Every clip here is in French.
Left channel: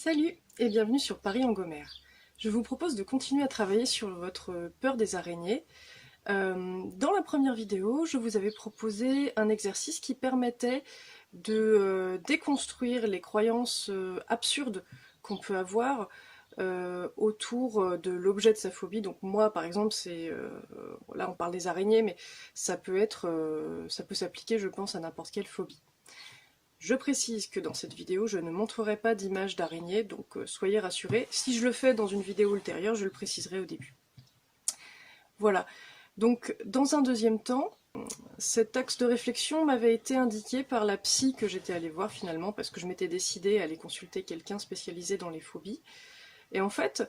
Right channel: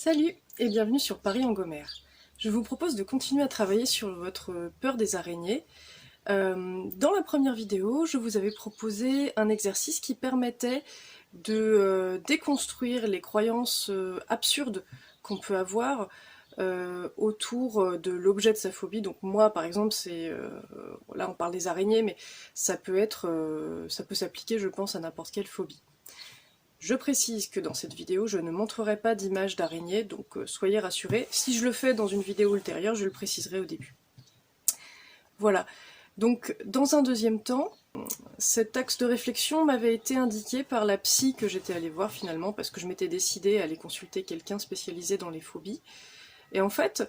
Salut et bienvenue sur Paris en Gomère. Je vous propose de continuer à travailler sur votre peur des araignées. Dans la première vidéo, je vous avais proposé un exercice qui permettait de déconstruire les croyances absurdes qu'on peut avoir autour de l'objet de sa phobie. Donc moi, par exemple, là on parle des araignées, mais ça peut s'appliquer, je pense, à n'importe quelle phobie. Je précise que dans cette vidéo, je ne montrerai pas d'image d'araignée, donc soyez rassurés. Si je le fais dans une vidéo ultérieure, je le préciserai au début. Voilà. Donc, dans un deuxième temps, cet axe de réflexion m'avait été indiqué par la psy que j'étais allée voir finalement, parce que je m'étais décidée à aller consulter quelqu'un spécialisé dans les phobies. Et en fait,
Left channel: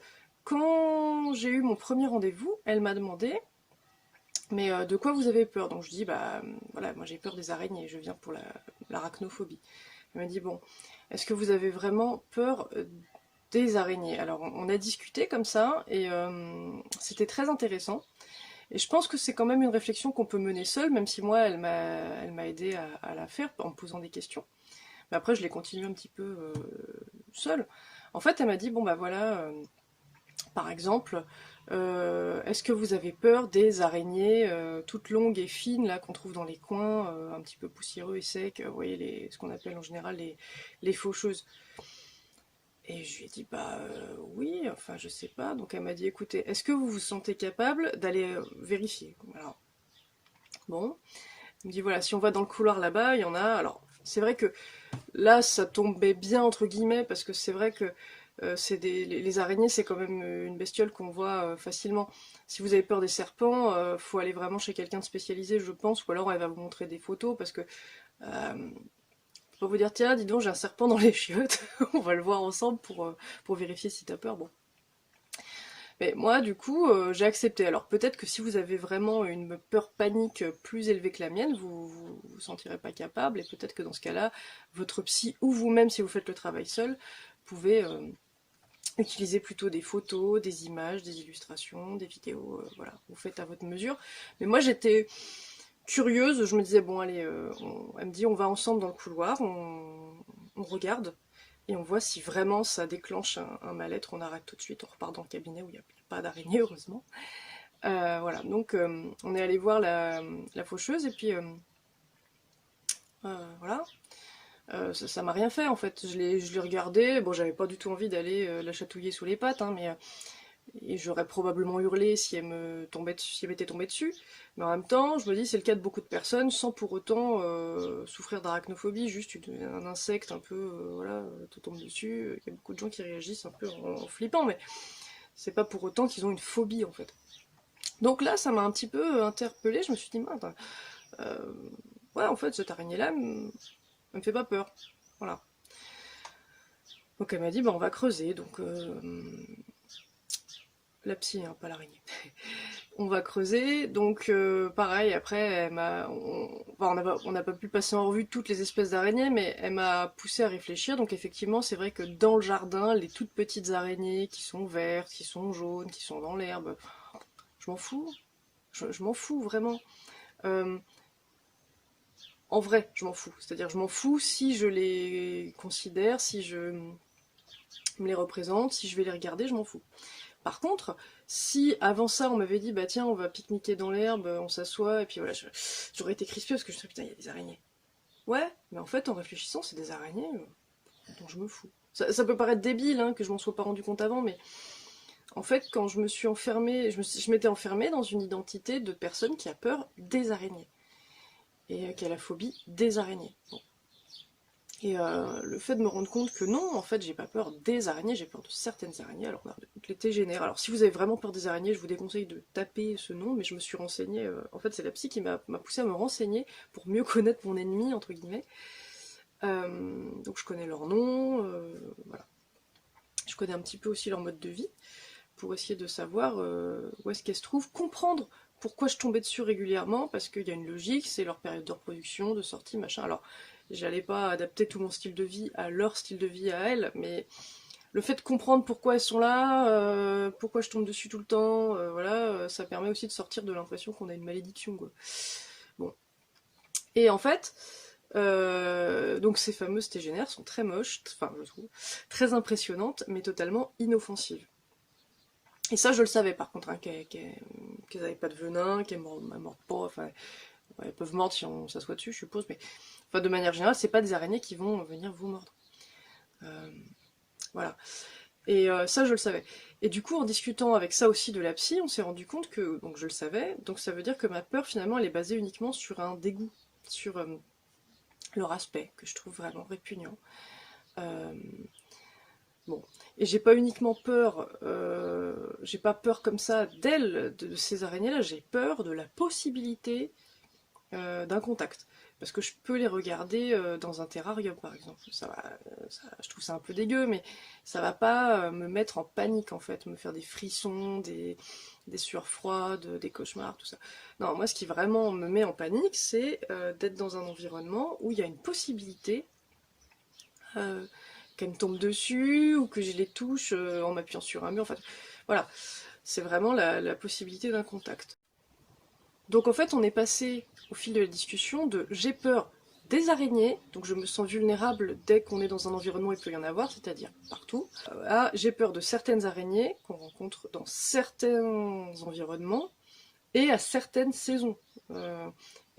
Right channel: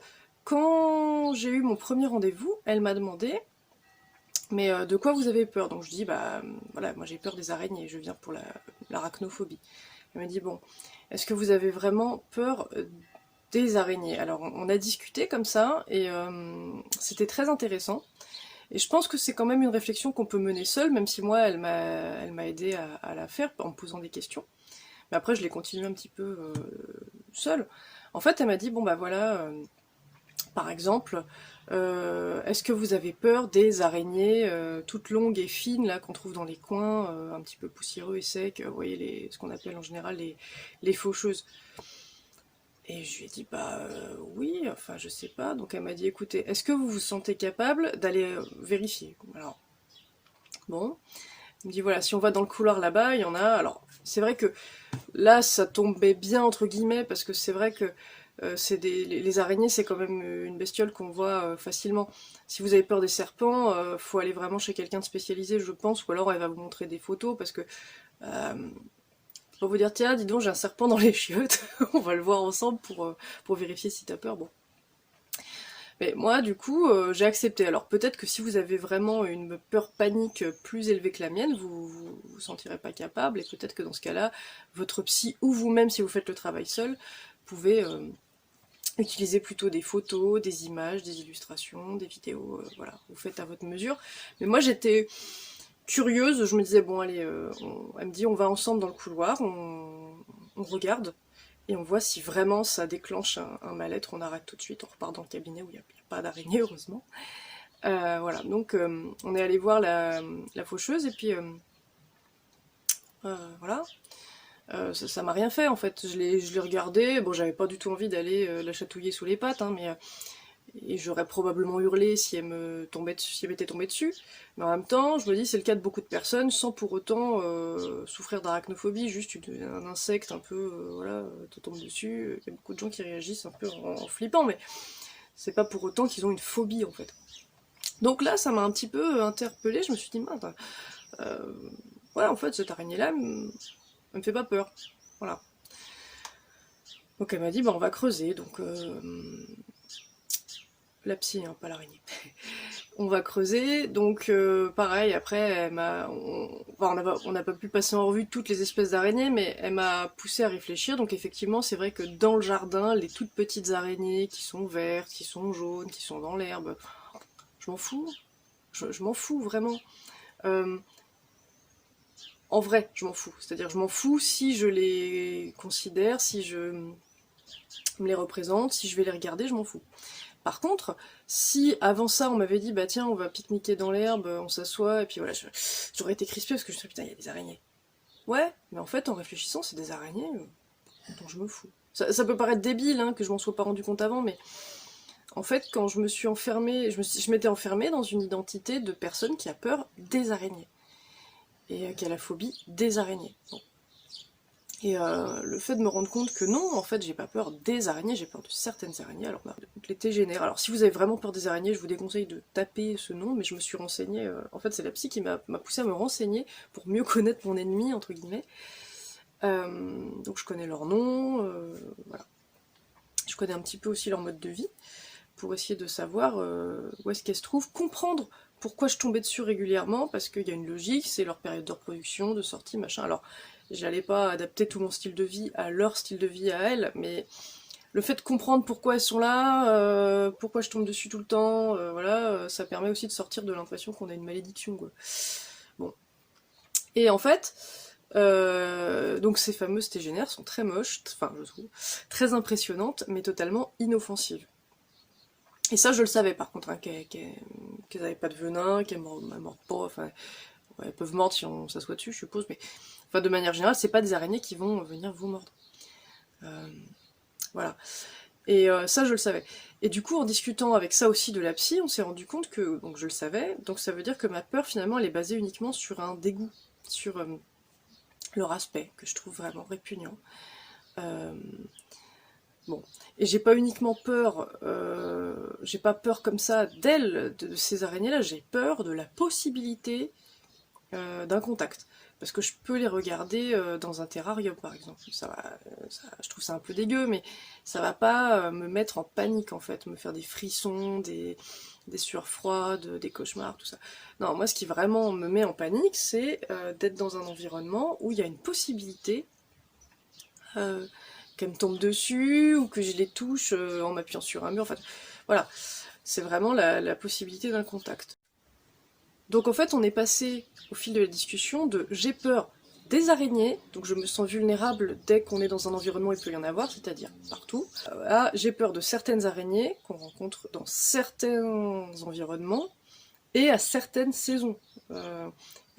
quand j'ai eu mon premier rendez-vous, elle m'a demandé mais de quoi vous avez peur? Donc je dis bah voilà, moi j'ai peur des araignées, je viens pour l'arachnophobie. Elle m'a dit bon, est-ce que vous avez vraiment peur des araignées? Alors on a discuté comme ça et c'était très intéressant. Et je pense que c'est quand même une réflexion qu'on peut mener seule, même si moi elle m'a aidé à la faire en me posant des questions. Mais après je l'ai continué un petit peu seule. En fait elle m'a dit bon bah voilà, par exemple, est-ce que vous avez peur des araignées toutes longues et fines là qu'on trouve dans les coins, un petit peu poussiéreux et secs, vous voyez ce qu'on appelle en général les faucheuses. Et je lui ai dit bah oui, enfin je sais pas. Donc elle m'a dit écoutez, est-ce que vous vous sentez capable d'aller vérifier? Alors bon, elle me dit voilà, si on va dans le couloir là-bas, il y en a. Alors c'est vrai que là ça tombait bien entre guillemets parce que c'est vrai que les araignées, c'est quand même une bestiole qu'on voit facilement. Si vous avez peur des serpents, faut aller vraiment chez quelqu'un de spécialisé, je pense, ou alors elle va vous montrer des photos, parce que faut pas vous dire, tiens, dis donc, j'ai un serpent dans les chiottes, on va le voir ensemble pour vérifier si t'as peur. Bon. Mais moi, du coup, j'ai accepté. Alors peut-être que si vous avez vraiment une peur panique plus élevée que la mienne, vous sentirez pas capable, et peut-être que dans ce cas-là, votre psy ou vous-même, si vous faites le travail seul, pouvez utilisez plutôt des photos, des images, des illustrations, des vidéos, voilà, vous faites à votre mesure. Mais moi j'étais curieuse, je me disais bon allez, elle me dit on va ensemble dans le couloir, on regarde et on voit si vraiment ça déclenche un mal-être, on arrête tout de suite, on repart dans le cabinet où il n'y a pas d'araignée heureusement. Voilà, donc on est allé voir la faucheuse et puis voilà. Ça m'a rien fait en fait, je l'ai regardé, bon j'avais pas du tout envie d'aller la chatouiller sous les pattes, hein, mais et j'aurais probablement hurlé si elle me tombait dessus, si elle m'était tombée dessus. Mais en même temps, je me dis c'est le cas de beaucoup de personnes sans pour autant souffrir d'arachnophobie, juste un insecte un peu voilà te tombe dessus. Il y a beaucoup de gens qui réagissent un peu en flippant, mais c'est pas pour autant qu'ils ont une phobie en fait. Donc là, ça m'a un petit peu interpellée. Je me suis dit mince, euh, ouais en fait cette araignée là, elle me fait pas peur. Voilà. Donc elle m'a dit bah on va creuser. Donc la psy, hein, pas l'araignée. On va creuser, donc pareil, après, on n'a pas pu passer en revue toutes les espèces d'araignées, mais elle m'a poussé à réfléchir, donc effectivement, c'est vrai que dans le jardin, les toutes petites araignées qui sont vertes, qui sont jaunes, qui sont dans l'herbe, je m'en fous, je m'en fous vraiment. Euh, En vrai, je m'en fous, c'est-à-dire je m'en fous si je les considère, si je me les représente, si je vais les regarder, je m'en fous. Par contre, si avant ça on m'avait dit bah tiens on va pique-niquer dans l'herbe, on s'assoit et puis voilà, j'aurais été crispée parce que je me suis dit putain il y a des araignées. Ouais, mais en fait en réfléchissant c'est des araignées dont je me fous. Ça peut paraître débile hein, que je m'en sois pas rendu compte avant, mais en fait quand je me suis enfermée, je m'étais enfermée dans une identité de personne qui a peur des araignées et qui a la phobie des araignées. Bon. Et le fait de me rendre compte que non, en fait, j'ai pas peur des araignées, j'ai peur de certaines araignées, alors bah, les tégénères. Alors si vous avez vraiment peur des araignées, je vous déconseille de taper ce nom, mais je me suis renseignée, en fait c'est la psy qui m'a poussé à me renseigner pour mieux connaître mon ennemi, entre guillemets. Donc je connais leur nom, voilà. Je connais un petit peu aussi leur mode de vie, pour essayer de savoir où est-ce qu'elles se trouvent, comprendre pourquoi je tombais dessus régulièrement, parce qu'il y a une logique, c'est leur période de reproduction, de sortie, machin. Alors, j'allais pas adapter tout mon style de vie à leur style de vie à elles, mais le fait de comprendre pourquoi elles sont là, pourquoi je tombe dessus tout le temps, voilà, ça permet aussi de sortir de l'impression qu'on a une malédiction, quoi. Bon. Et en fait, Donc ces fameuses tégénaires sont très moches, enfin je trouve, très impressionnantes, mais totalement inoffensives. Et ça je le savais par contre, hein, qu'elles n'avaient pas de venin, qu'elles mordent pas, enfin ouais, elles peuvent mordre si on s'assoit dessus je suppose, mais enfin de manière générale c'est pas des araignées qui vont venir vous mordre. Voilà. Et ça je le savais. Et du coup en discutant avec ça aussi de la psy, on s'est rendu compte que, donc je le savais, donc ça veut dire que ma peur finalement elle est basée uniquement sur un dégoût, sur leur aspect, que je trouve vraiment répugnant. Bon, et j'ai pas uniquement peur, j'ai pas peur comme ça d'elles, de ces araignées-là, j'ai peur de la possibilité d'un contact. Parce que je peux les regarder dans un terrarium, par exemple. Je trouve ça un peu dégueu, mais ça va pas me mettre en panique, en fait, me faire des frissons, des sueurs froides, des cauchemars, tout ça. Non, moi, ce qui vraiment me met en panique, c'est d'être dans un environnement où il y a une possibilité qu'elles me tombent dessus, ou que je les touche en m'appuyant sur un mur. Enfin, voilà, c'est vraiment la possibilité d'un contact. Donc en fait, on est passé au fil de la discussion de j'ai peur des araignées, donc je me sens vulnérable dès qu'on est dans un environnement où il peut y en avoir, c'est-à-dire partout, à j'ai peur de certaines araignées qu'on rencontre dans certains environnements et à certaines saisons.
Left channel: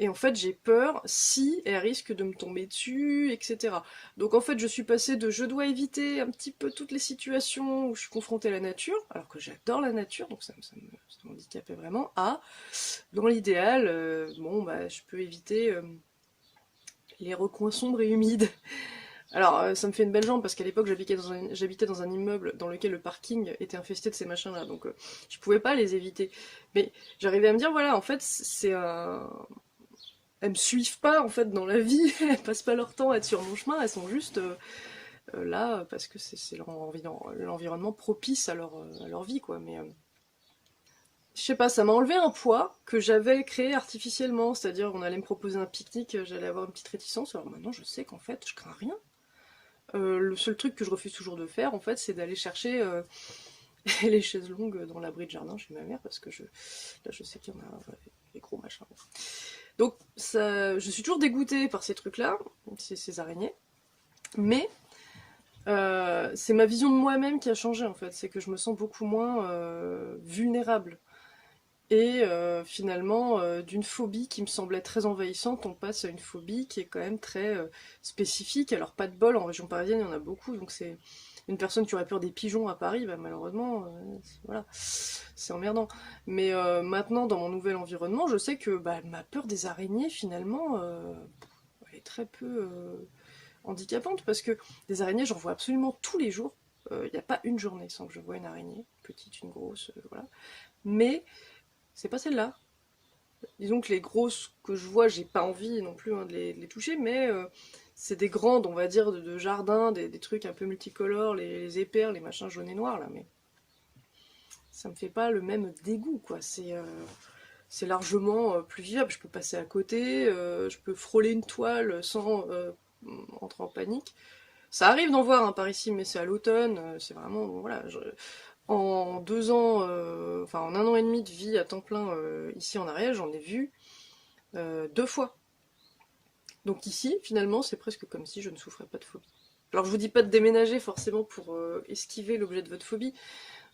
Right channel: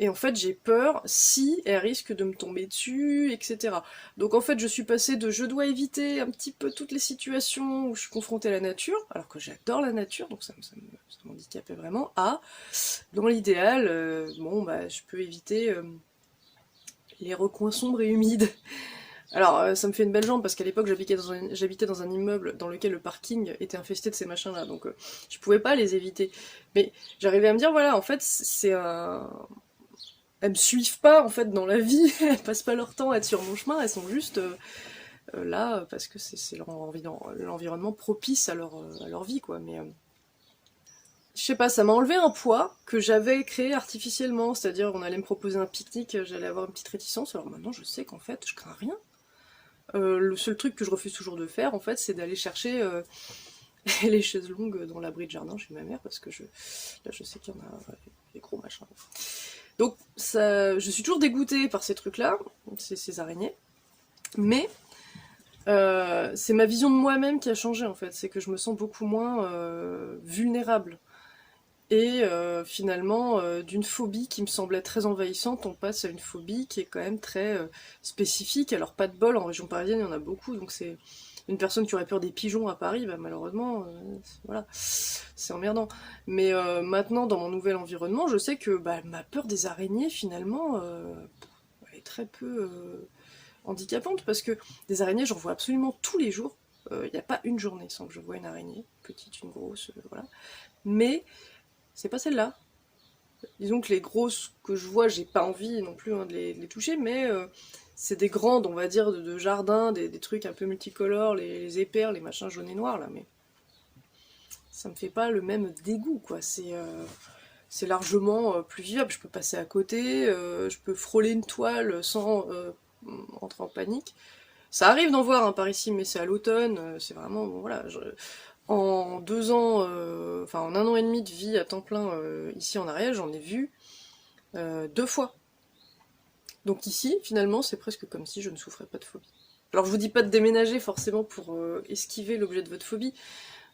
Et en fait, j'ai peur si elles risquent de me tomber dessus, etc. Donc en fait, je suis passée de je dois éviter un petit peu toutes les situations où je suis confrontée à la nature, alors que j'adore la nature, donc ça m'handicapait vraiment, à dans l'idéal, bon, bah, je peux éviter les recoins sombres et humides. Alors, ça me fait une belle jambe parce qu'à l'époque, j'habitais dans un immeuble dans lequel le parking était infesté de ces machins-là, donc je pouvais pas les éviter. Mais j'arrivais à me dire, voilà, en fait, c'est un. Elles me suivent pas en fait dans la vie, elles passent pas leur temps à être sur mon chemin, elles sont juste là parce que c'est l'environnement propice à leur vie, quoi. Mais je sais pas, ça m'a enlevé un poids que j'avais créé artificiellement, c'est-à-dire on allait me proposer un pique-nique, j'allais avoir une petite réticence, alors maintenant je sais qu'en fait je crains rien. Le seul truc que je refuse toujours de faire en fait c'est d'aller chercher les chaises longues dans l'abri de jardin chez ma mère parce que là je sais qu'il y en a des gros machins. Donc ça, je suis toujours dégoûtée par ces trucs-là, ces araignées, mais c'est ma vision de moi-même qui a changé en fait, c'est que je me sens beaucoup moins vulnérable. Et finalement, d'une phobie qui me semblait très envahissante, on passe à une phobie qui est quand même très spécifique. Alors pas de bol, en région parisienne il y en a beaucoup, donc c'est une personne qui aurait peur des pigeons à Paris, bah, malheureusement, voilà, c'est emmerdant. Mais maintenant, dans mon nouvel environnement, je sais que bah, ma peur des araignées, finalement, est très peu handicapante, parce que des araignées, j'en vois absolument tous les jours. Il n'y a pas une journée sans que je vois une araignée, petite, une grosse, voilà. Mais c'est pas celle-là. Disons que les grosses que je vois, j'ai pas envie non plus hein, de les toucher, mais c'est des grandes, on va dire, de jardin, des trucs un peu multicolores, les épères, les machins jaunes et noirs là, mais ça me fait pas le même dégoût, quoi. C'est largement plus vivable, je peux passer à côté, je peux frôler une toile sans entrer en panique. Ça arrive d'en voir hein, par ici, mais c'est à l'automne, c'est vraiment, bon, voilà, en 2 ans, enfin en 1 an et demi de vie à temps plein ici en Ariège, j'en ai vu 2 fois. Donc ici, finalement, c'est presque comme si je ne souffrais pas de phobie. Alors je vous dis pas de déménager forcément pour esquiver l'objet de votre phobie.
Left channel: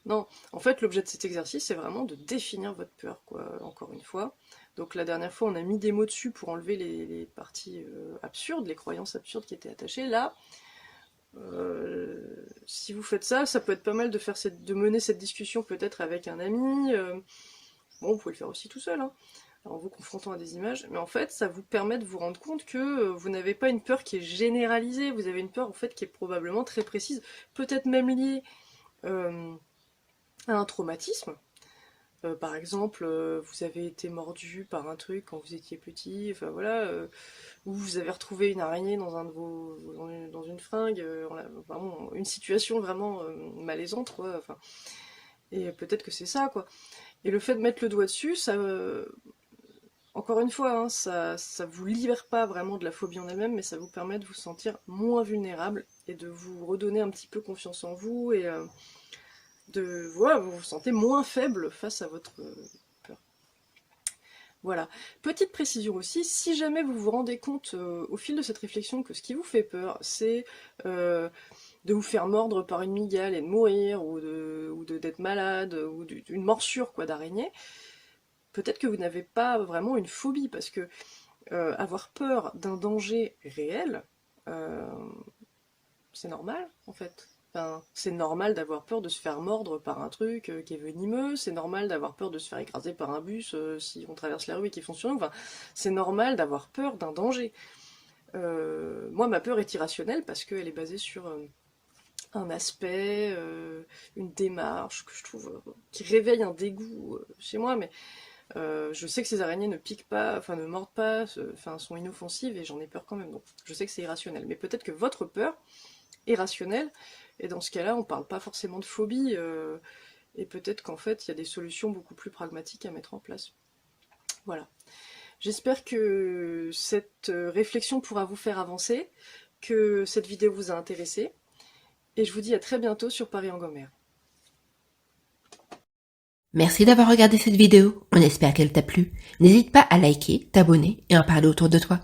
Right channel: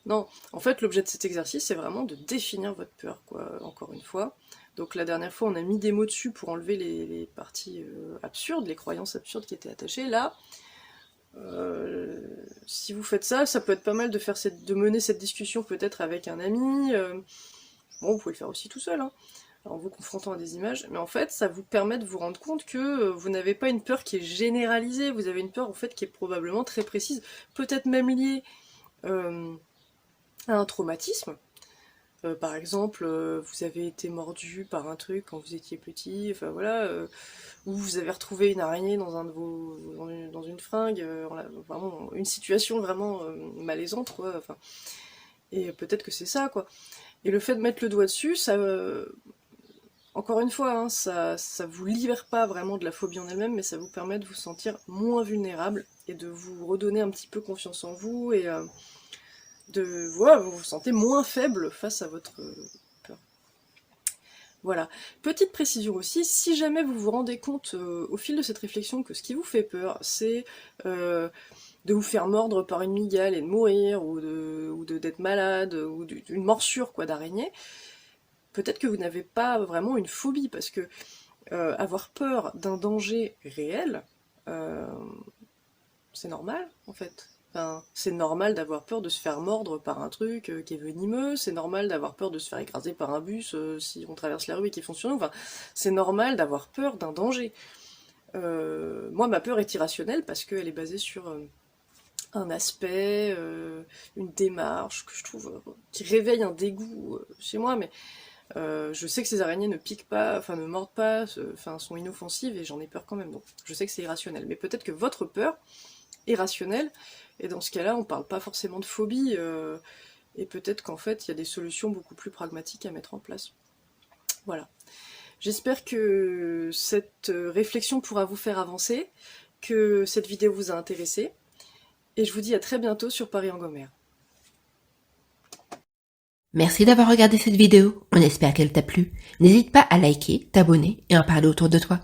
Non, en fait l'objet de cet exercice c'est vraiment de définir votre peur, quoi, encore une fois. Donc la dernière fois on a mis des mots dessus pour enlever les parties absurdes, les croyances absurdes qui étaient attachées. Là, si vous faites ça, ça peut être pas mal de mener cette discussion peut-être avec un ami. Bon, vous pouvez le faire aussi tout seul, hein, en vous confrontant à des images, mais en fait, ça vous permet de vous rendre compte que vous n'avez pas une peur qui est généralisée, vous avez une peur en fait qui est probablement très précise, peut-être même liée à un traumatisme. Par exemple, vous avez été mordu par un truc quand vous étiez petit, enfin voilà, ou vous avez retrouvé une araignée dans dans une fringue, vraiment, une situation vraiment malaisante, quoi. Enfin, et peut-être que c'est ça, quoi. Et le fait de mettre le doigt dessus, ça, encore une fois, hein, ça vous libère pas vraiment de la phobie en elle-même, mais ça vous permet de vous sentir moins vulnérable et de vous redonner un petit peu confiance en vous et voilà, vous vous sentez moins faible face à votre peur. Voilà. Petite précision aussi, si jamais vous vous rendez compte au fil de cette réflexion que ce qui vous fait peur, c'est de vous faire mordre par une mygale et de mourir, ou d'être malade, ou d'une morsure quoi d'araignée, peut-être que vous n'avez pas vraiment une phobie, parce que avoir peur d'un danger réel, c'est normal en fait. Enfin, c'est normal d'avoir peur de se faire mordre par un truc qui est venimeux, c'est normal d'avoir peur de se faire écraser par un bus si on traverse la rue et qu'il fonce sur nous, enfin, c'est normal d'avoir peur d'un danger. Moi, ma peur est irrationnelle parce qu'elle est basée sur un aspect, une démarche que je trouve qui réveille un dégoût chez moi, mais je sais que ces araignées ne piquent pas, enfin ne mordent pas, enfin sont inoffensives et j'en ai peur quand même, donc je sais que c'est irrationnel. Mais peut-être que votre peur est rationnelle, et dans ce cas-là, on parle pas forcément de phobie, et peut-être qu'en fait, il y a des solutions beaucoup plus pragmatiques à mettre en place. Voilà. J'espère que cette réflexion pourra vous faire avancer, que cette vidéo vous a intéressé, et je vous dis à très bientôt sur Paris-en-Gomère. Merci d'avoir regardé cette vidéo, on espère qu'elle t'a plu. N'hésite pas à liker, t'abonner et en parler autour de toi.